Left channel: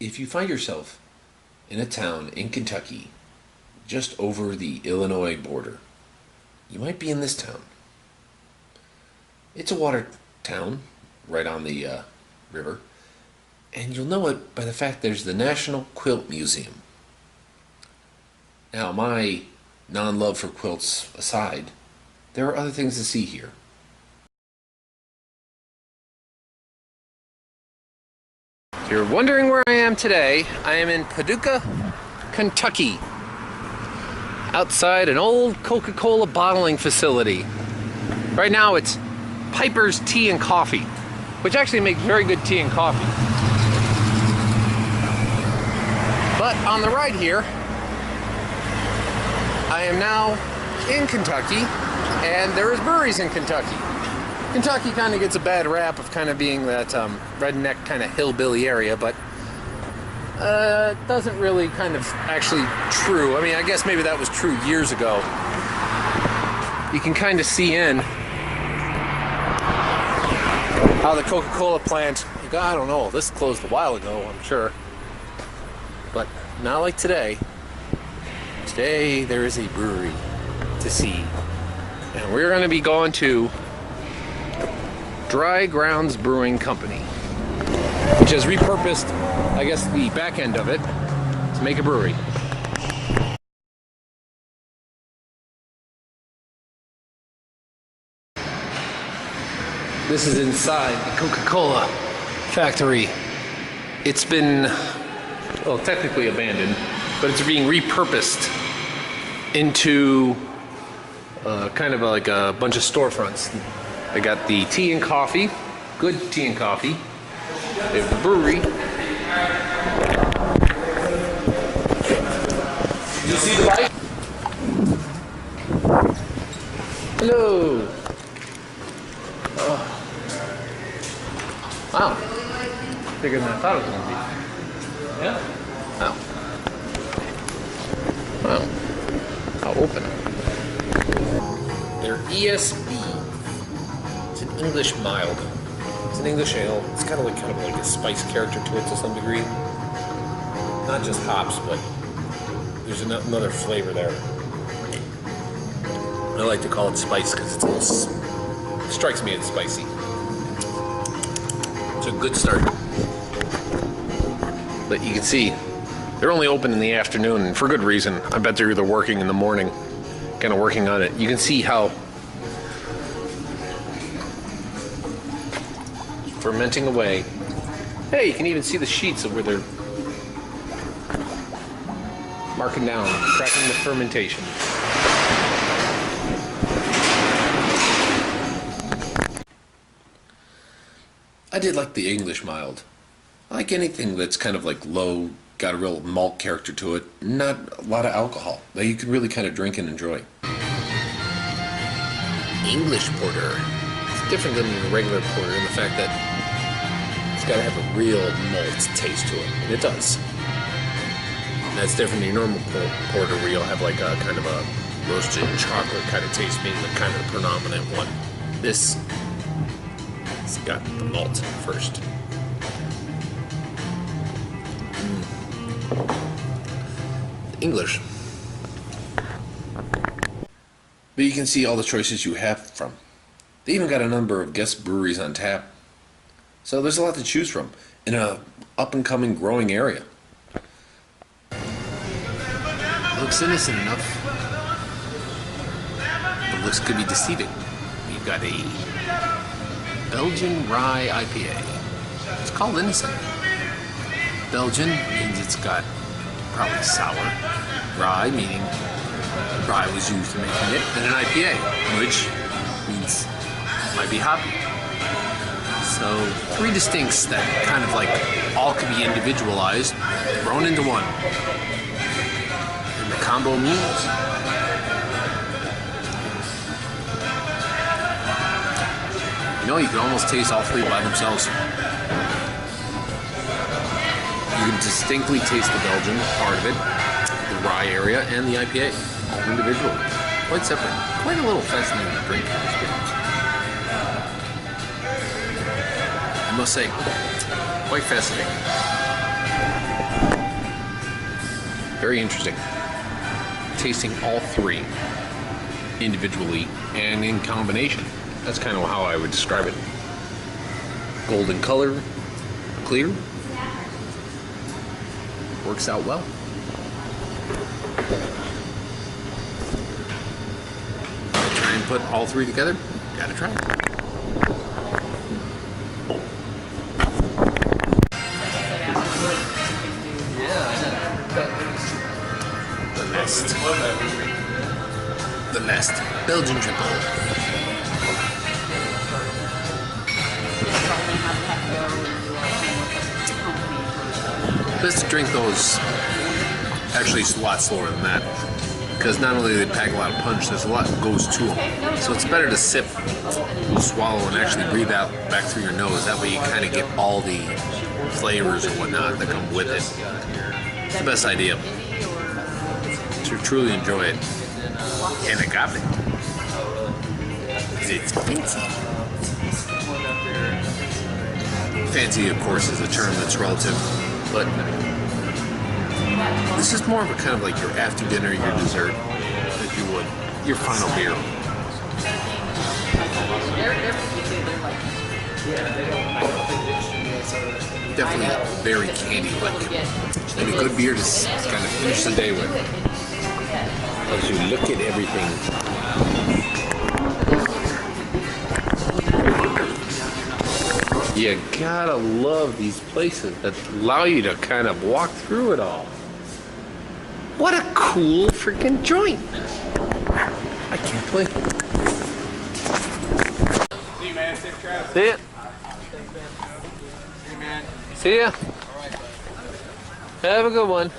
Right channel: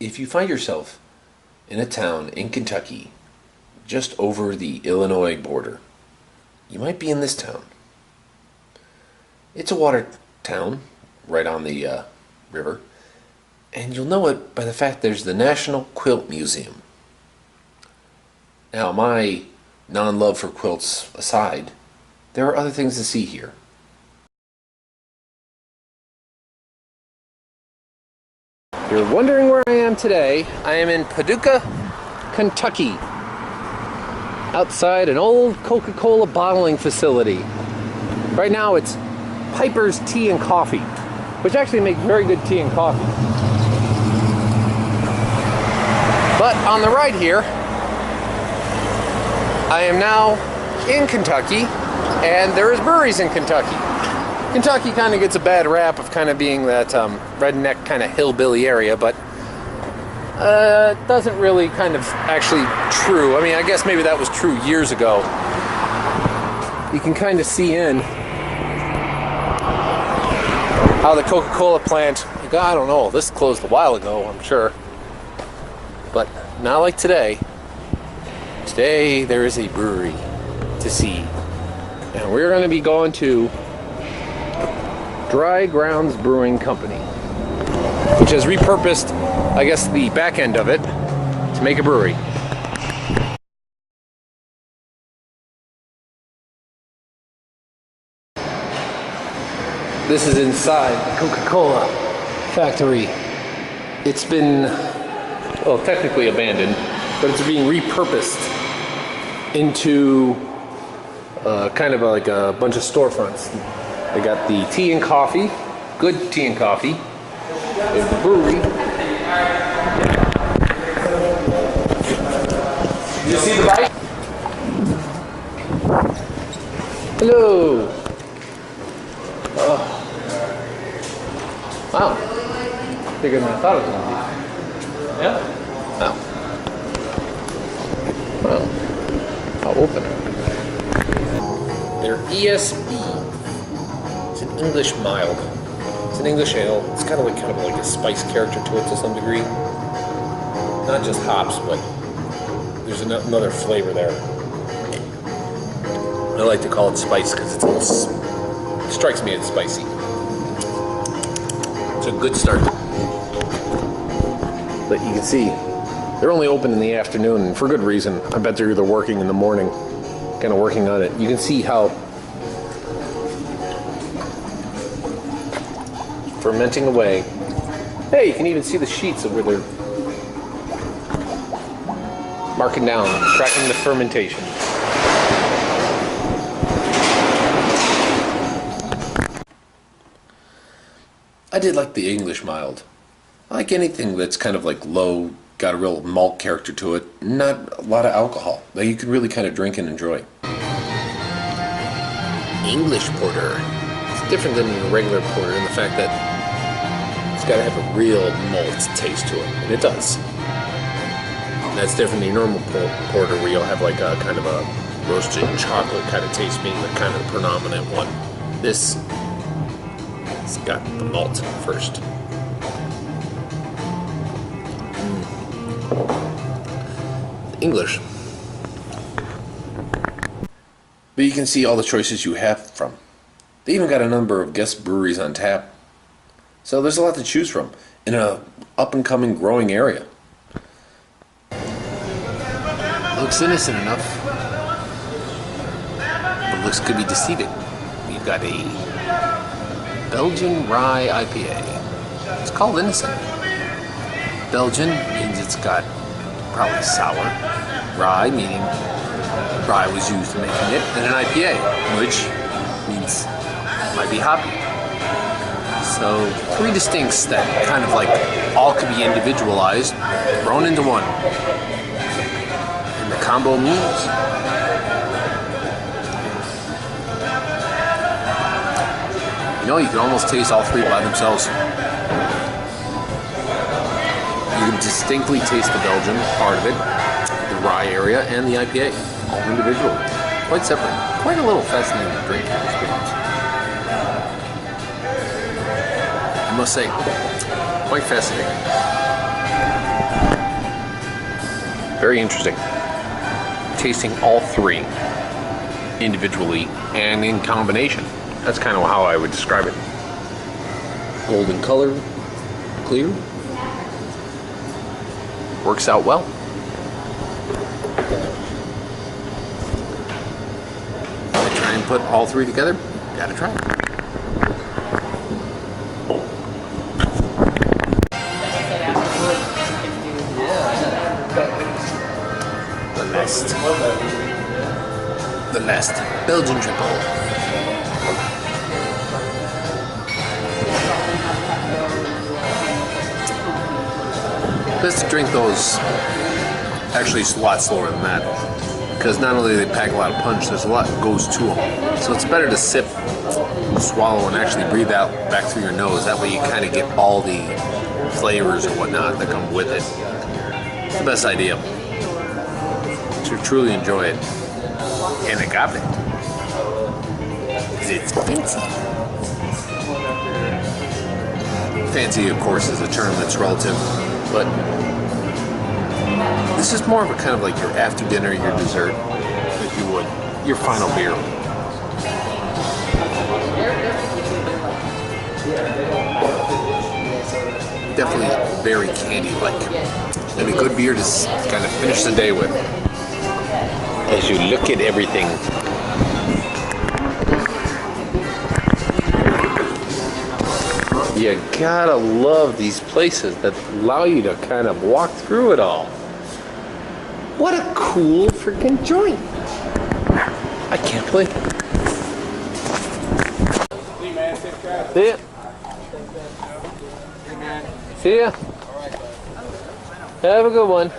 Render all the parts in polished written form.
If you find yourself in a town in Kentucky, just over the Illinois border, you might be in this town. It's a water town right on the river, and you'll know it by the fact there's the National Quilt Museum. Now, my non-love for quilts aside, there are other things to see here. If you're wondering where I am today, I am in Paducah, Kentucky, outside an old Coca-Cola bottling facility. Right now it's Piper's Tea and Coffee, which actually makes very good tea and coffee. But on the right here, I am now in Kentucky, and there is breweries in Kentucky. Kentucky kind of gets a bad rap of kind of being that redneck kind of hillbilly area, but it doesn't really kind of actually true. I mean, I guess maybe that was true years ago. You can kind of see in how the Coca-Cola plant, I don't know, this closed a while ago, I'm sure. But not like today. Today there is a brewery to see. And we're going to be going to Grounds Brewing Company, which has repurposed, I guess, the back end of it to make a brewery. This is inside the Coca-Cola factory. It's been, well, technically abandoned, but it's being repurposed into kind of like a bunch of storefronts. They got the tea and coffee, good tea and coffee. They have the brewery. Did you see the bike? Hello. Oh. Wow. Bigger than I thought it was going to be. Yeah. Wow. Wow. I'll open it. They're ESB. It's an English mild. It's an English ale. It's kind of like a spice character to it to some degree. Not just hops, but there's another flavor there. I like to call it spice because it's a little, it strikes me as spicy. It's a good start. But you can see they're only open in the afternoon, and for good reason. I bet they're either working in the morning, kind of working on it. You can see how fermenting away. Hey, you can even see the sheets of where they're marking down, tracking the fermentation. I did like the English mild. I like anything that's kind of like low, got a real malt character to it, not a lot of alcohol, that you could really kind of drink and enjoy. English porter. It's different than a regular porter in the fact that it's got to have a real malt taste to it, and it does. And that's different than your normal porter where you'll have like a kind of a roasted chocolate kind of taste being the kind of the predominant one. This, it's got the malt first. English. But you can see all the choices you have from. They even got a number of guest breweries on tap. So there's a lot to choose from in a up-and-coming growing area. Looks innocent enough, but looks could be deceiving. We've got a Belgian rye IPA. It's called innocent. Belgian means it's got probably sour. Rye meaning rye was used in making it, and an IPA, which means it might be hoppy. So three distincts that kind of like all could be individualized, thrown into one. And the combo means you can almost taste all three by themselves. You can distinctly taste the Belgian part of it, the rye area, and the IPA, all individually. Quite separate. Quite a little fascinating drinking experience. I must say, quite fascinating. Very interesting. Tasting all three individually and in combination. That's kind of how I would describe it. Golden color, clear. Works out well. I try and put all three together. Gotta try it. The last Belgian triple. Best to drink those. Actually, it's a lot slower than that, because not only do they pack a lot of punch, there's a lot that goes to them. So it's better to sip, swallow, and actually breathe out back through your nose. That way you kind of get all the flavors and whatnot that come with it. It's the best idea to truly enjoy it. And agave. Because it's fancy. Fancy, of course, is a term that's relative, but this is more of a kind of like your after dinner, your dessert, if you would, your final beer. Definitely very candy-like. And a good beer to kind of finish the day with. As you look at everything. You gotta love these places that allow you to kind of walk through it all. What a cool freaking joint. I can't believe it. See ya. See ya. Have a good one.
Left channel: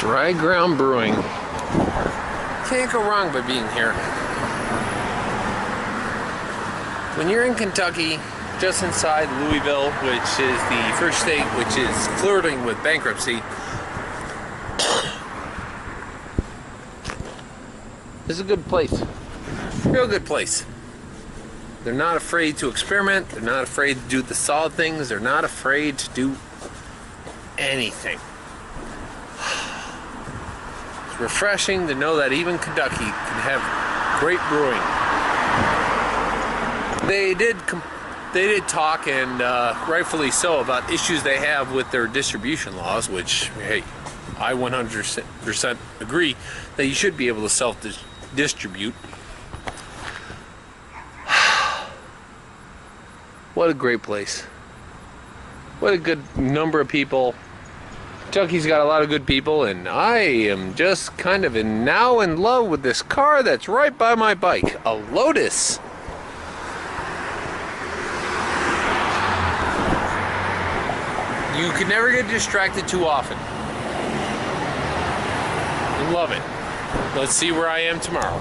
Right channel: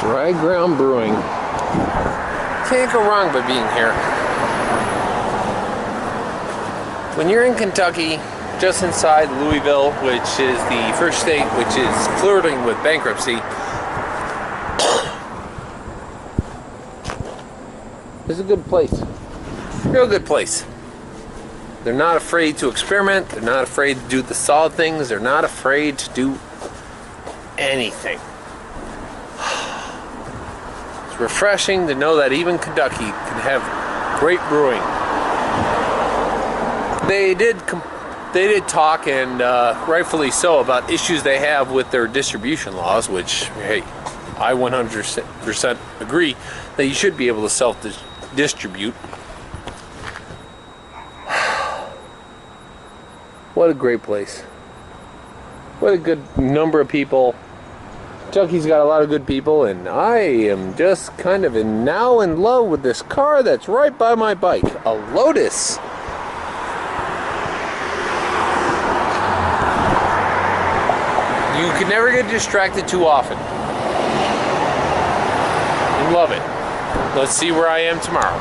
Dry Ground Brewing. Can't go wrong by being here. When you're in Kentucky, just inside Louisville, which is the first state which is flirting with bankruptcy, this is a good place. Real good place. They're not afraid to experiment. They're not afraid to do the solid things. They're not afraid to do anything. It's refreshing to know that even Kentucky can have great brewing. They did talk, and rightfully so, about issues they have with their distribution laws, which, hey, I 100% agree that you should be able to self-distribute. What a great place. What a good number of people. Kentucky's got a lot of good people, and I am just kind of now in love with this car that's right by my bike. A Lotus. You can never get distracted too often. And love it. Let's see where I am tomorrow.